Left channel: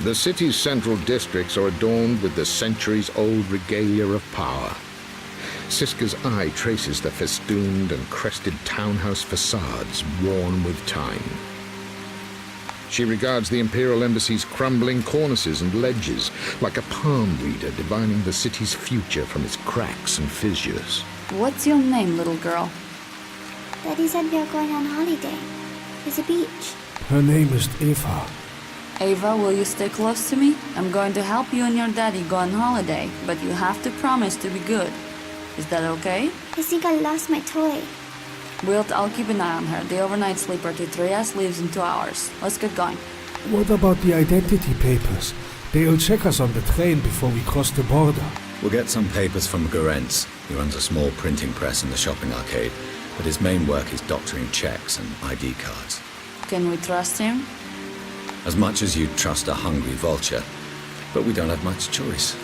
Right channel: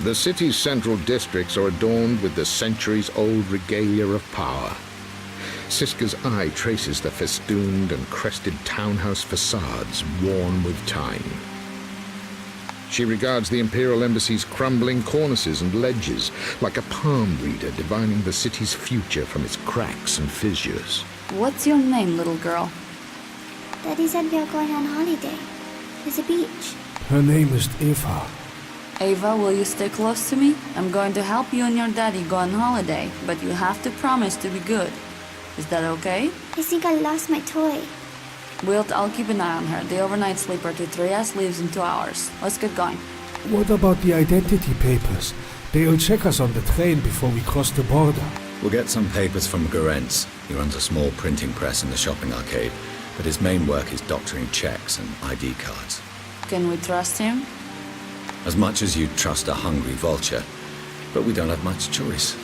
The city's central districts are adorned with the centuries-old regalia of power. Siska's eye traces the festooned and crested townhouse facades worn with time. She regards the Imperial Embassy's crumbling cornices and ledges like a palm reader divining the city's future from its cracks and fissures. What's your name, little girl? Daddy said we are going on holiday. There's a beach. Her name is Eva. Ava, will you stay close to me? I'm going to help you and your daddy go on holiday, but you have to promise to be good. Is that okay? I think I lost my toy. Wilt, I'll keep an eye on her. The overnight sleeper to Trias leaves in 2 hours. Let's get going. What about the identity papers? They'll check us on the train before we cross the border. We'll get some papers from Garentz. He runs a small printing press in the shopping arcade, but his main work is doctoring checks and ID cards. Can we trust him? As much as you'd trust a hungry vulture, but we don't have much choice.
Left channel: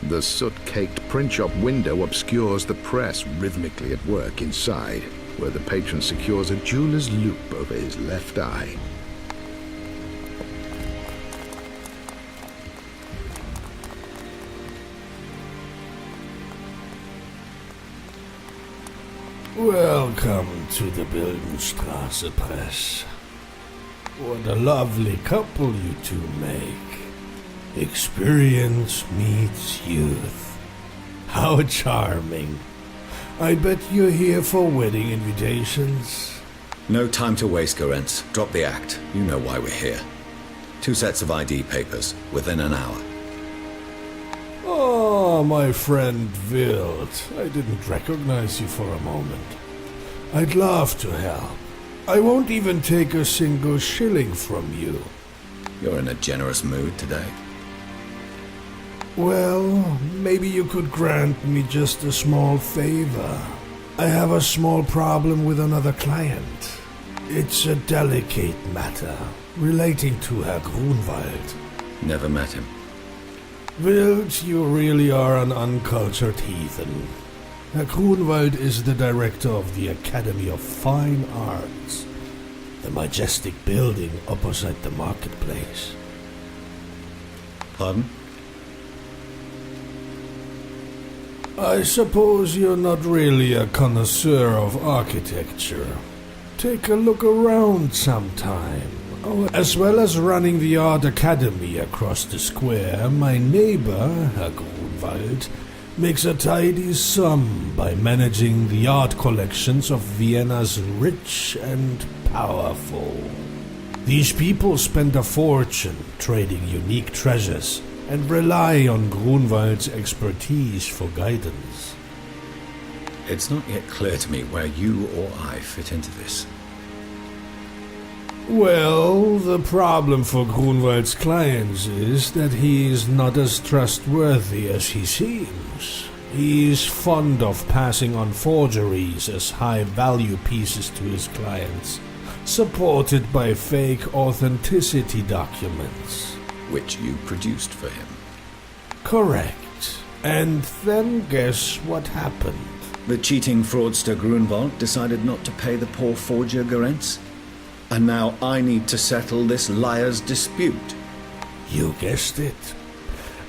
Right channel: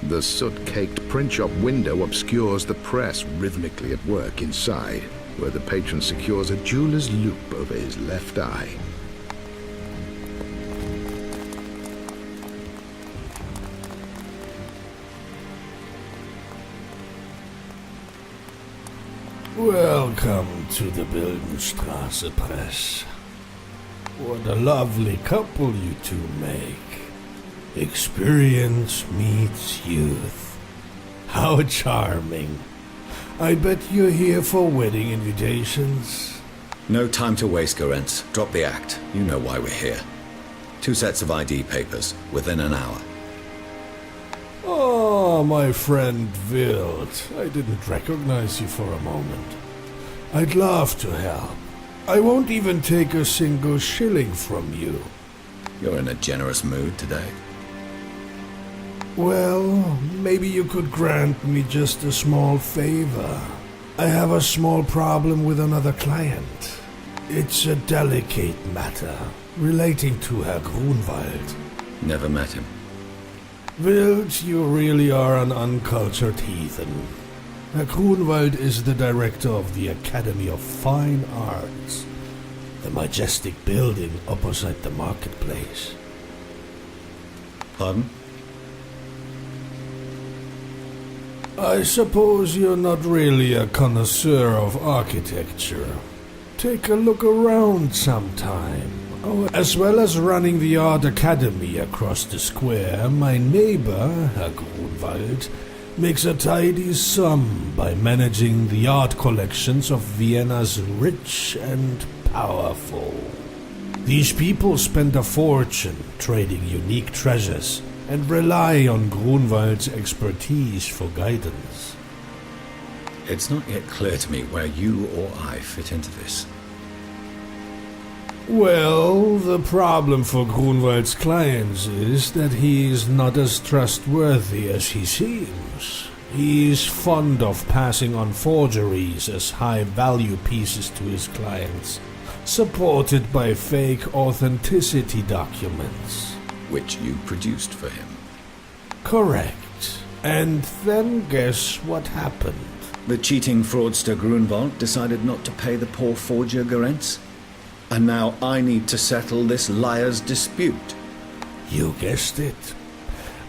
The soot-caked print shop window obscures the press rhythmically at work inside, where the patron secures a jeweler's loop over his left eye. Welcome to the Bildenstraße Press. What a lovely couple you two make. Experience meets youth. How charming. I bet you're here for wedding invitations. No time to waste, Garentz. Drop the act. You know why we're here. 2 sets of ID papers, within an hour. Oh, my friend Wild. I didn't recognize you for a moment. I'd love to help. I won't even take a single shilling from you. You're in a generous mood today. Well, maybe you could grant me just a small favor. I have a small problem with another client. It's a delicate matter relating to Herr Grunwald. Never met him. Wild, you really are an uncultured heathen. Herr Grunwald is the director of the Academy of Fine Arts, the majestic building opposite the marketplace. Pardon? I suppose you're not really a connoisseur of architecture. Take a look around sometime. Oh, as well as running the Art Academy across the square, my neighbor, Herr Grunwald, makes a tidy sum by managing the art collections of Vienna's rich and powerful. These people spend a fortune trading unique treasures and rely on Grunwald's expertise for guidance. It's not yet clear to me where you or I fit into this. Well, the problem for Grunwald's clients is that he is not as trustworthy as he seems. He is fond of passing on forgeries as high-value pieces to his clients, supported by fake authenticity documents. Which you produced for him. Correct. And then guess what happened? The cheating fraudster Grunwald decided not to pay the poor forger Garentz. And now I need to settle this liar's dispute. You guessed it.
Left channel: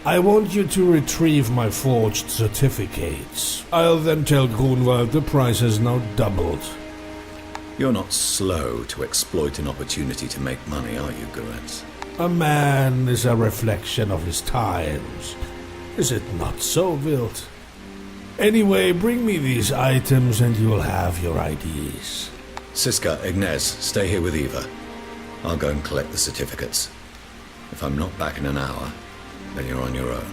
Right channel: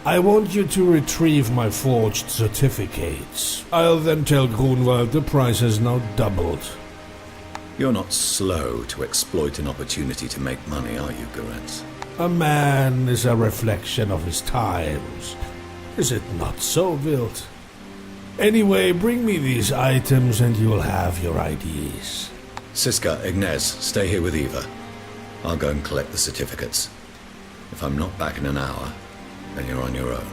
I want you to retrieve my forged certificates. I'll then tell Grunwald the price has now doubled. You're not slow to exploit an opportunity to make money, are you, Garentz? A man is a reflection of his times. Is it not so, Wild? Anyway, bring me these items and you'll have your IDs. Siska, Ignaz, stay here with Eva. I'll go and collect the certificates. If I'm not back in an hour, then you're on your own.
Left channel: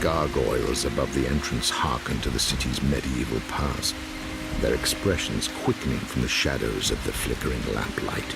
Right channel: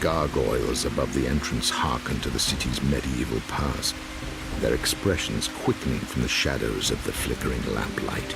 Gargoyles above the entrance hearken to the city's medieval past, their expressions quickening from the shadows of the flickering lamplight.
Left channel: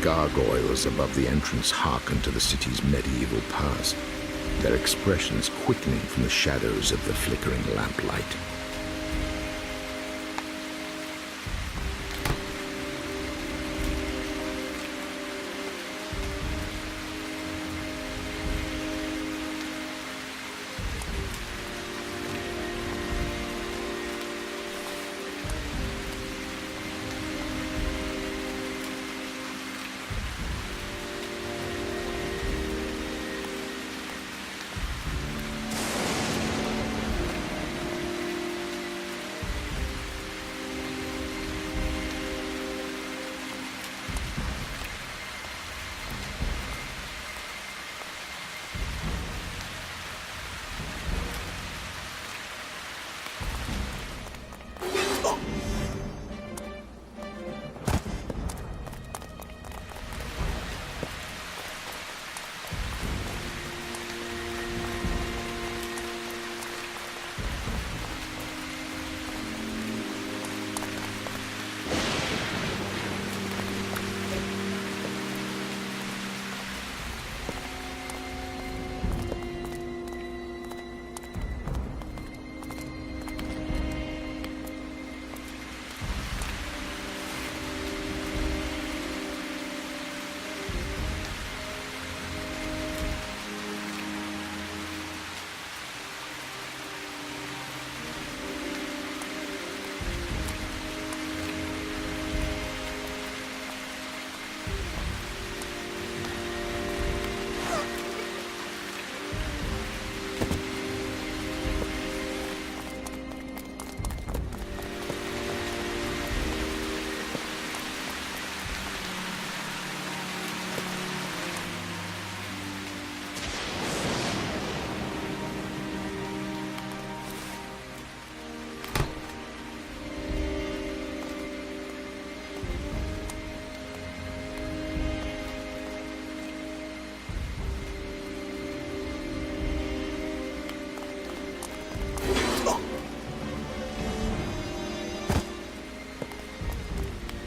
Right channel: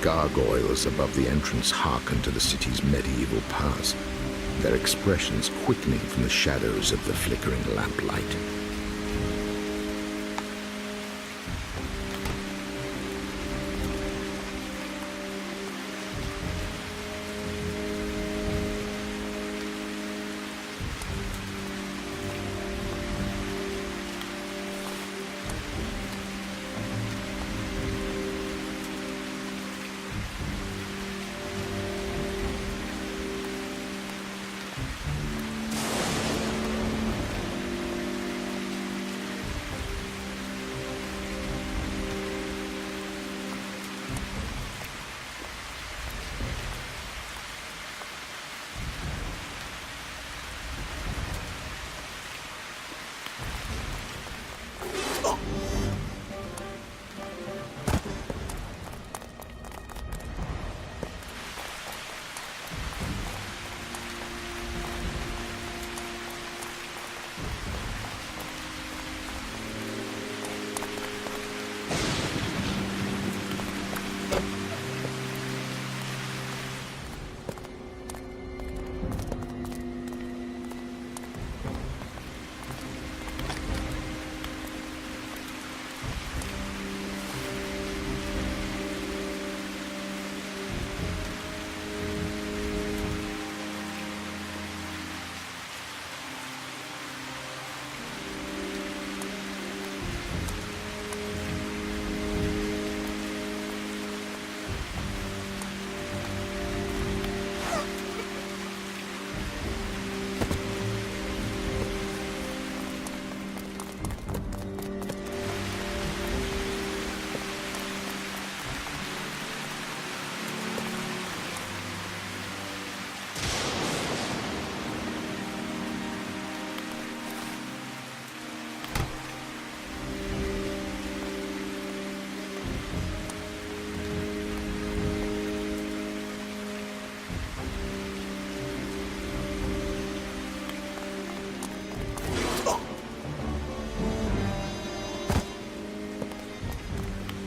Gargoyles above the entrance hearken to the city's medieval past, their expressions quickening from the shadows of the flickering lamplight.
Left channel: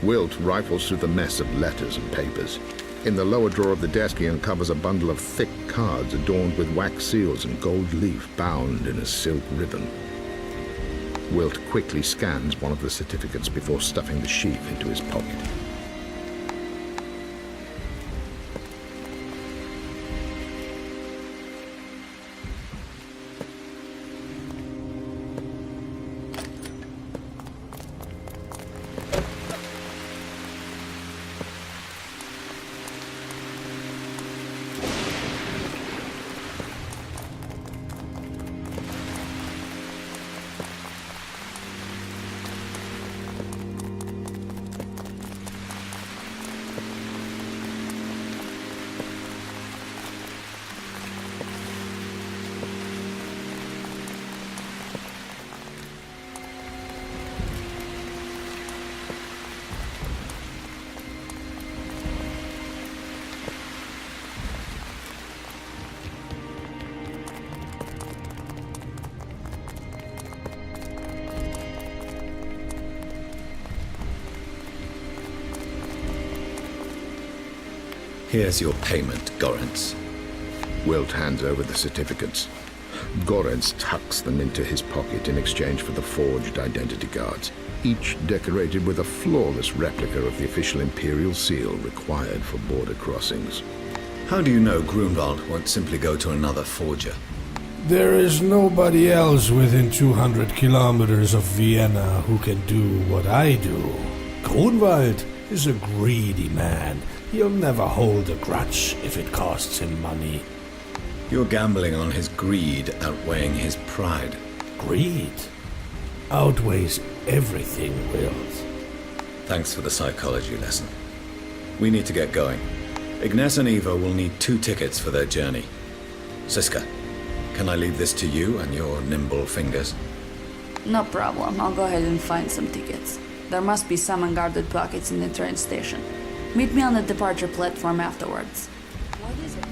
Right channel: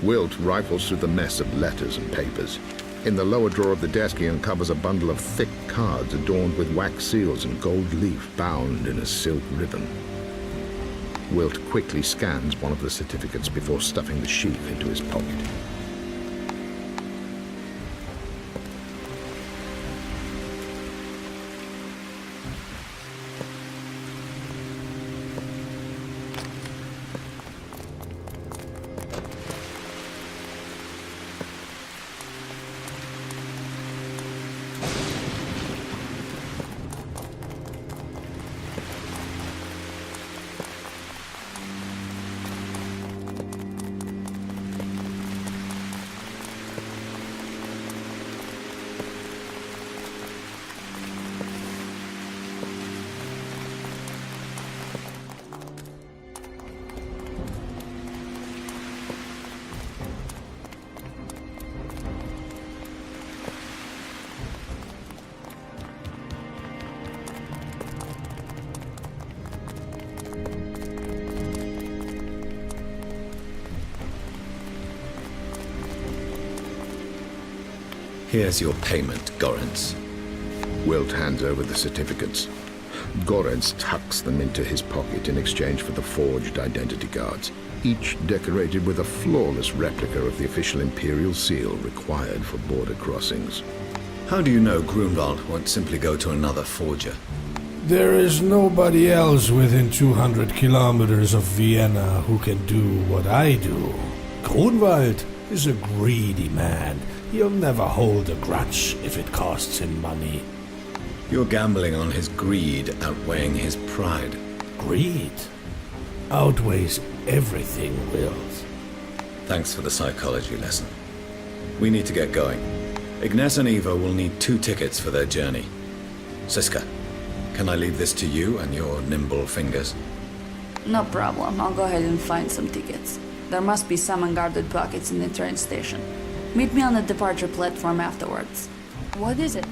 Wilt rifles through the mess of letters and papers. In the lower drawer of the desk, he uncovers a bundle of thick cards adorned with wax seals and gold leaf bound in a silk ribbon. Wilt quickly scans one of the certificates before stuffing the sheaf into his pocket. Here's your payment, Gorentz. Wilt hands over the certificates. Gorentz tucks them into his pocket in exchange for the forged identity cards, each decorated with a flawless replica of the official Imperial seal required for border crossings. How do you know Grunwald won't simply go to another forger? There is nobody else within 200 kilometers of Vienna who can do what I do. Grunwald is a greedy man. He'll never hold a grudge if it costs him money. You're gambling on his greed outweighing his pride. Greed outweighs everything, Wills. Thanks for the psychology lesson. We need to get going. Ignace and Eva will need 2 tickets for their journey. Siska, can I leave this to you and your nimble fingers? No problem. I'll go ahead and find some tickets. There must be some unguarded pockets in the train station. Meet me on the departure platform afterwards. What is it?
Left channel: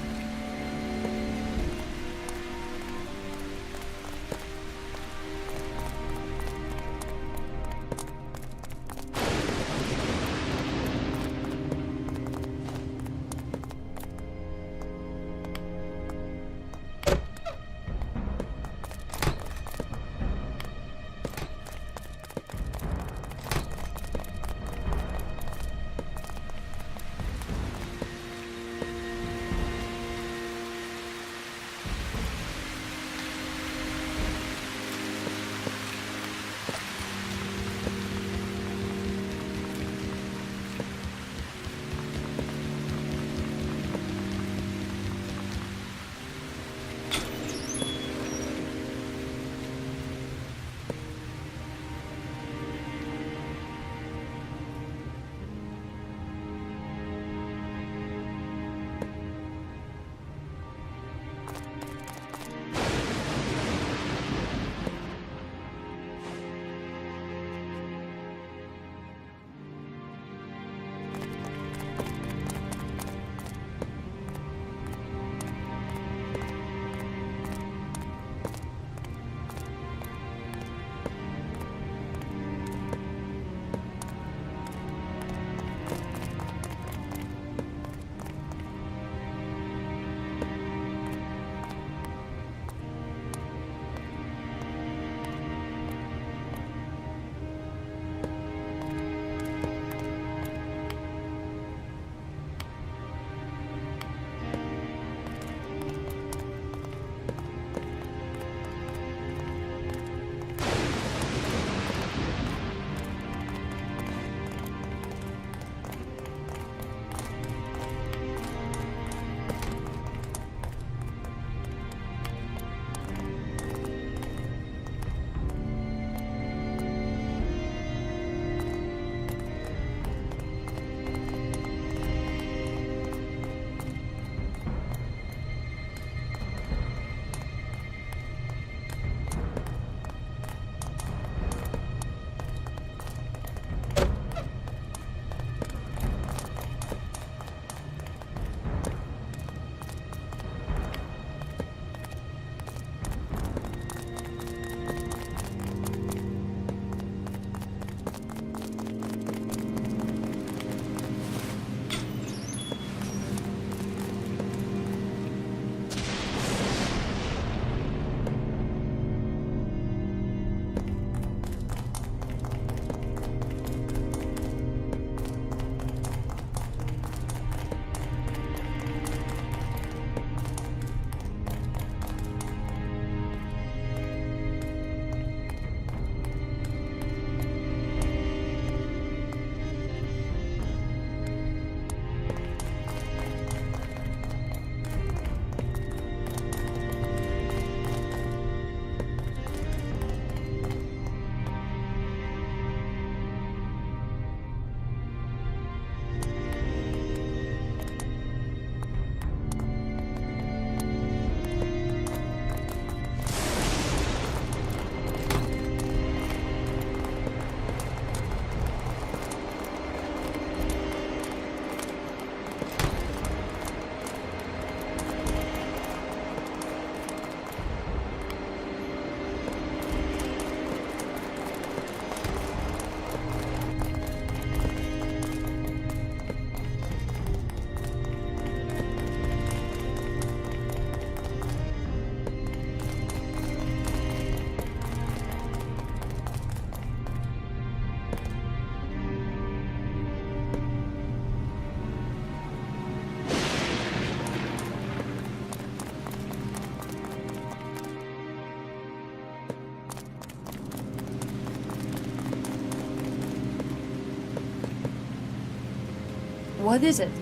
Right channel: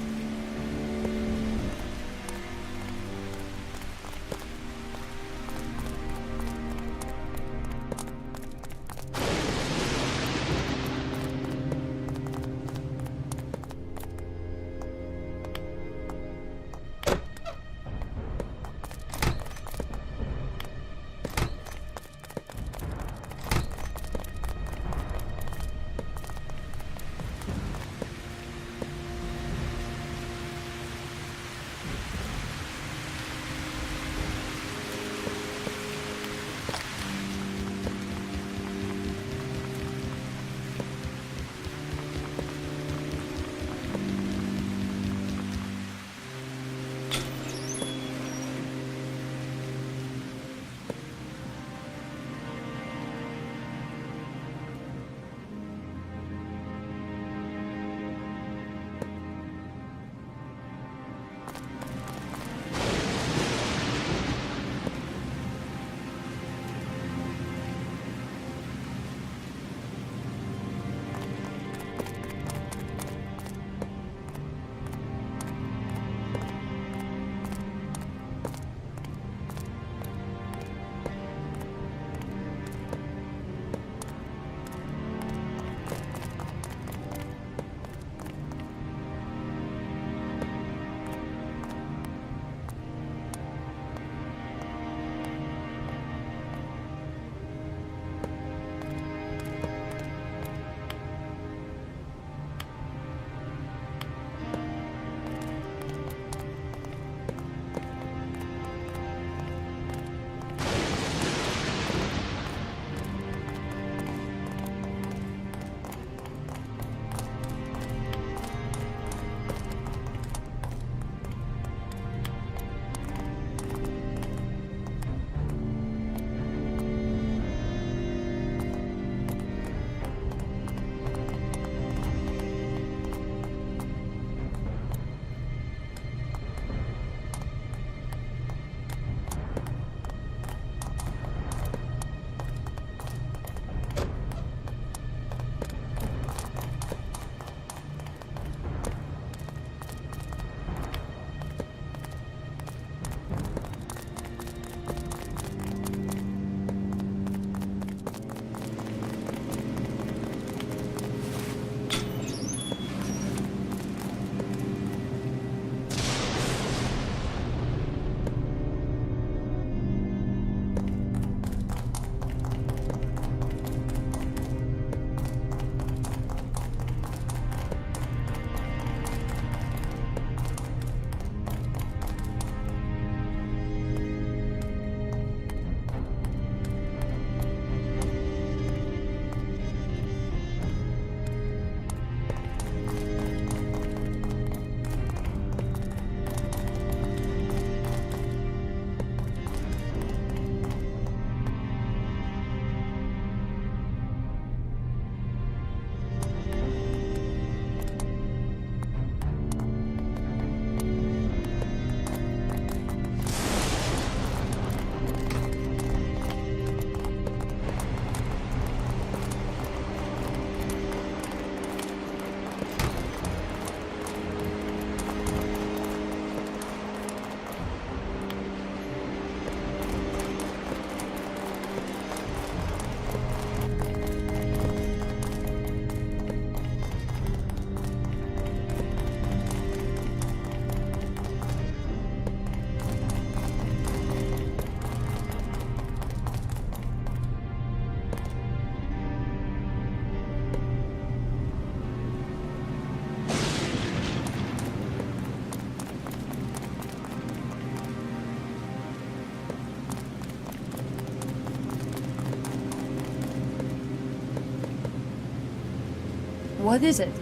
What is it?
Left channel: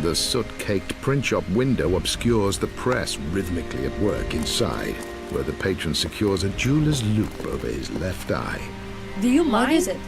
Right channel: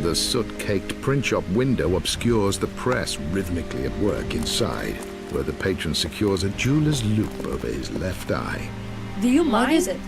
The soot-caked print shop window obscures the press rhythmically at work inside, where the patron secures a jeweler's loop over his left eye. Do you mind? What is it?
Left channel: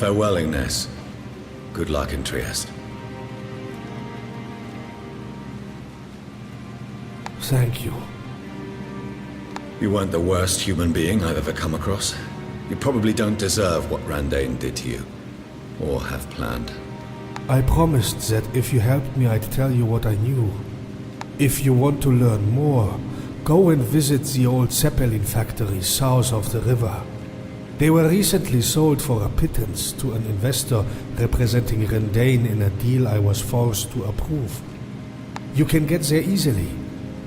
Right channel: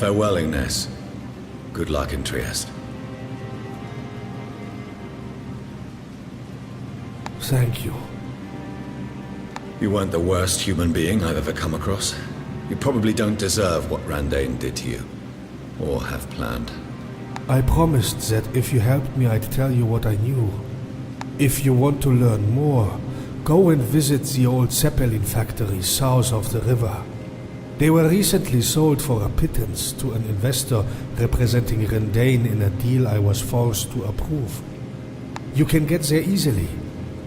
Farewell, Ignace. Good luck in Trieste. Thank you. You weren't the worst human being I've ever come across. You probably don't deserve what Randain did to you. Or have planned. I promised that if you helped me, I'd tell you what I knew. If you want to learn more, go and visit the old Zeppelin factories south of the river. They were recently sold for a pittance to an investor representing Randain in a deal I was forced to approve. You can get there easily.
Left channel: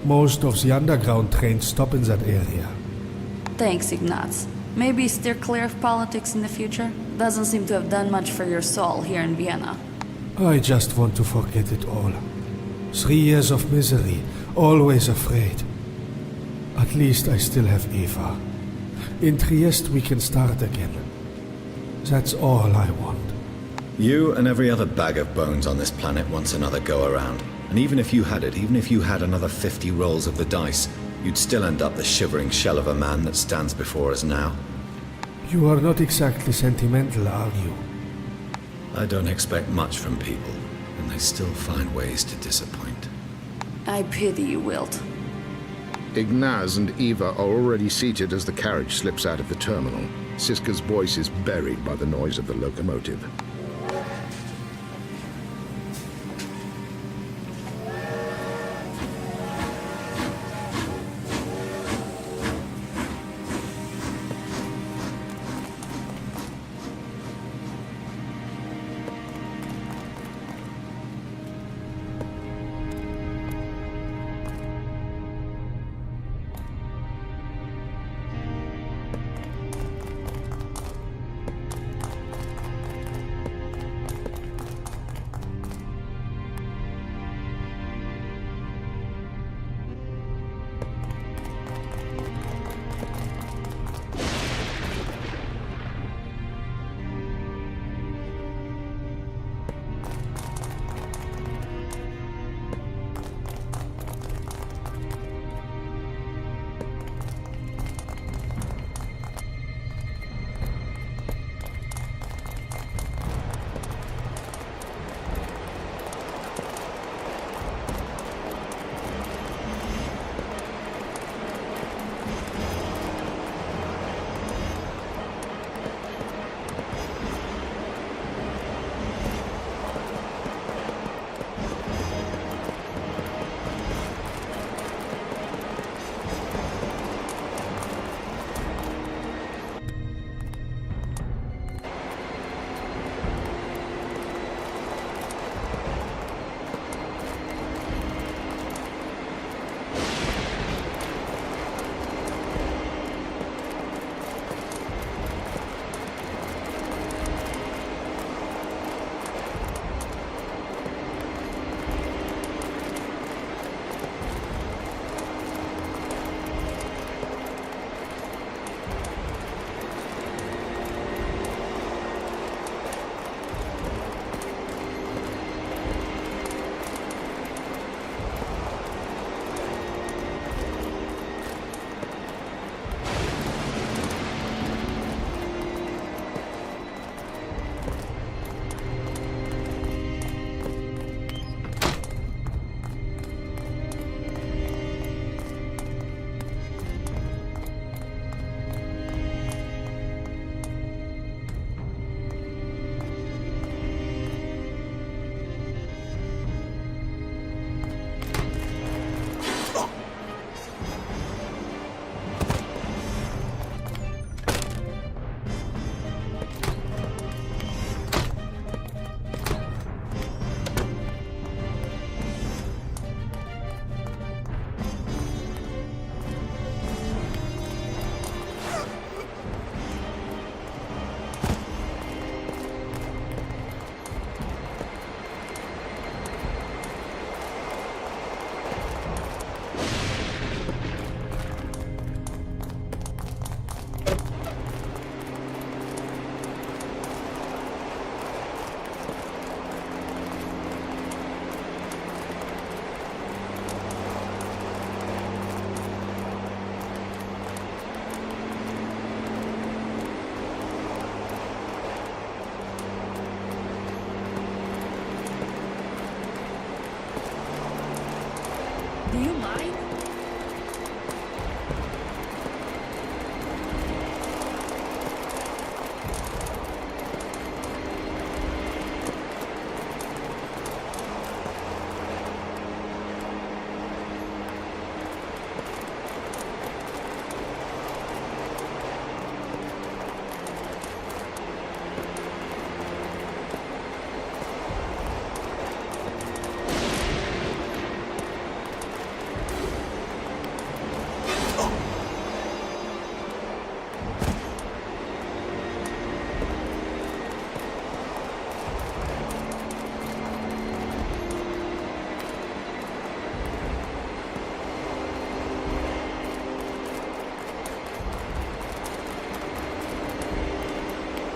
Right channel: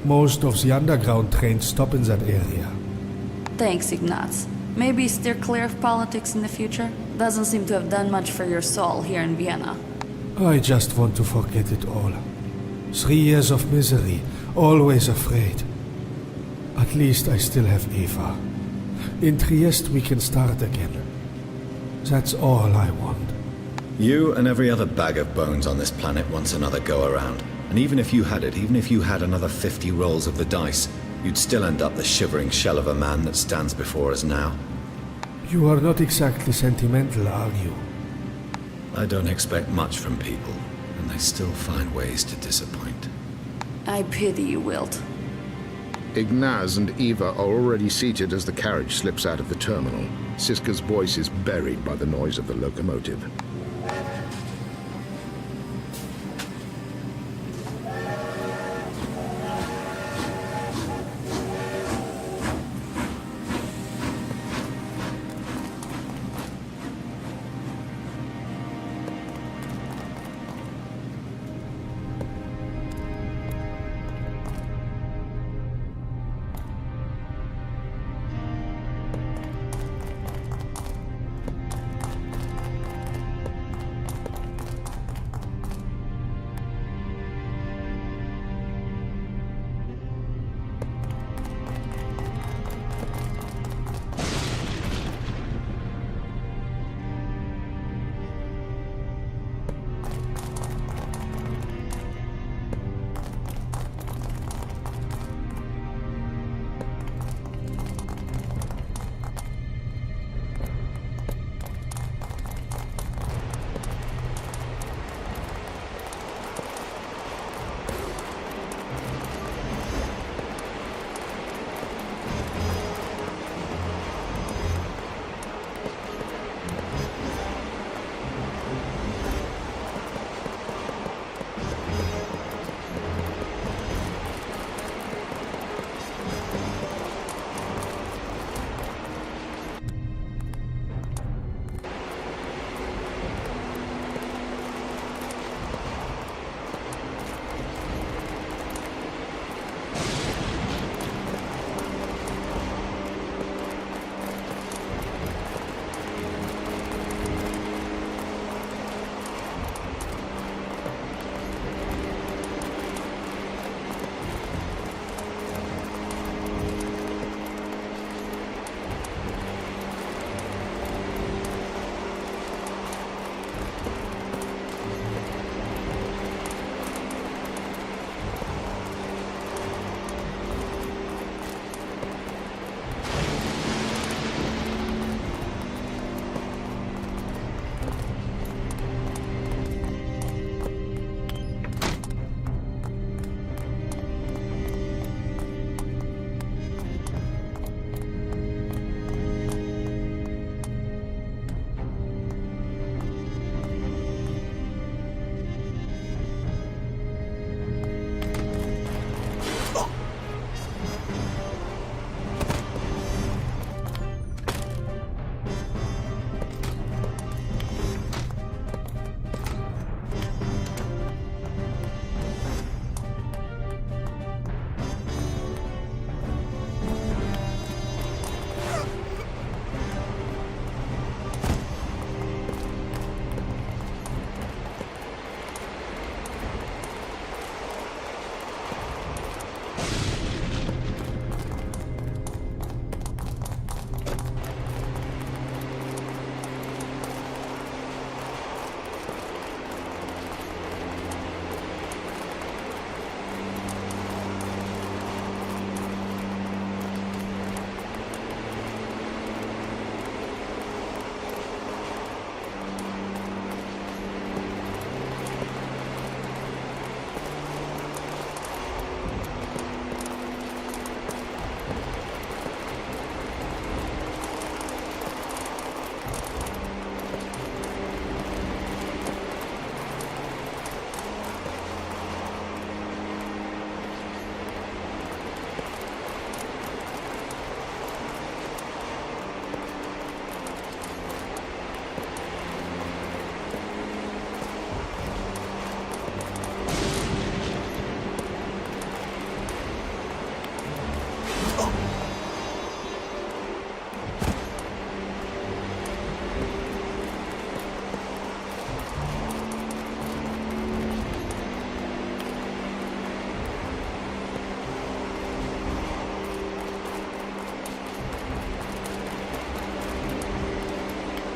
Most of the underground trains stop in that area. Thanks, Ignaz. Maybe steer clear of politics in the future? Doesn't seem to have done much for your soul here in Vienna. I just want to forget it all. 3 years of misery, always afraid. At least I still have Eva. In Trieste we can start again. That's all I want. You and every other bag of bones on this planet wants another go-around. And even if you had it, even if you had another 50 rolls of the dice, you'd still end up the shivering shell of a man that stands before us now. You are not exactly sentimental, are you? I don't expect much from people, and they still find ways to disappoint. I pity you, Wilt. Ignaz and Eva are already seated as the carriage slips out of the terminal. Siska's voice is buried by the noise of the locomotive.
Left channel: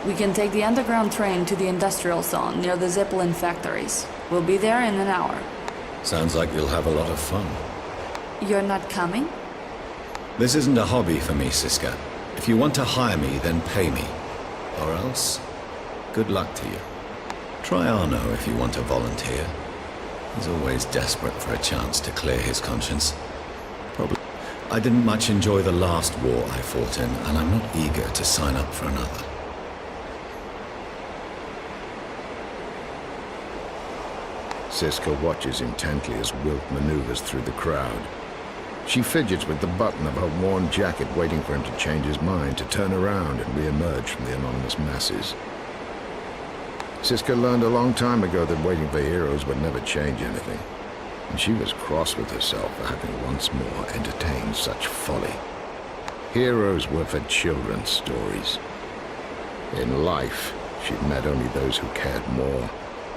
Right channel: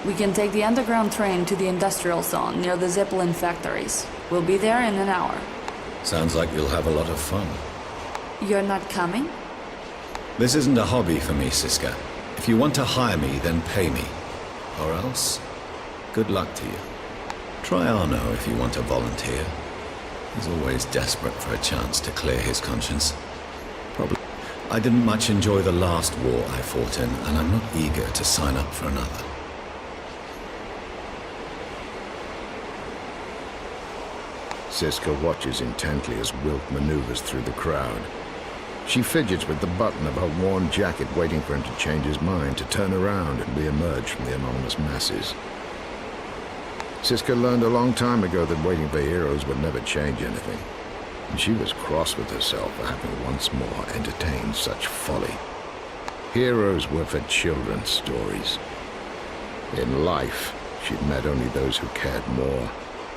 We can take the underground train to the industrial zone near the Zeppelin factories. We'll be there in an hour. Sounds like you'll have a lot of fun. You're not coming? This isn't a hobby for me, Siska. If you want to hire me, then pay me. Or else, good luck to you. Try Arno if you want to volunteer. He's always desperate for a chance to clear his conscience. Probably. I didn't much enjoy the last war I fought in, and I'm not eager to sign up for another. Siska watches intently as Wilt maneuvers through the crowd. She fidgets with the button of her worn jacket, waiting for him to change his mind, to turn around and re-emerge from the anonymous masses. Siska learned a long time ago that waiting for heroes would never change anything, and she was cross with herself for having once more entertained such folly. Heroes were for children's stories. In life, she'd met only those who cared more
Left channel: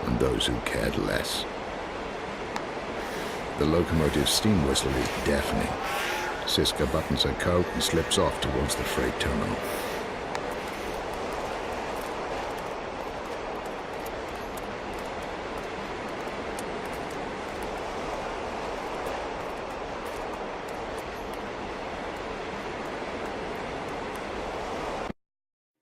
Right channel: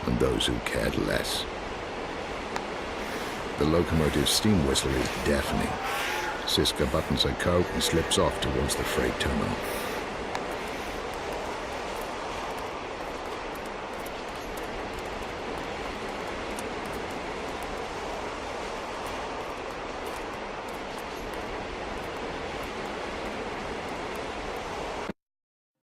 and those who cared less. The locomotive's steam whistle is deafening. Siska buttons her coat and slips off towards the freight terminal.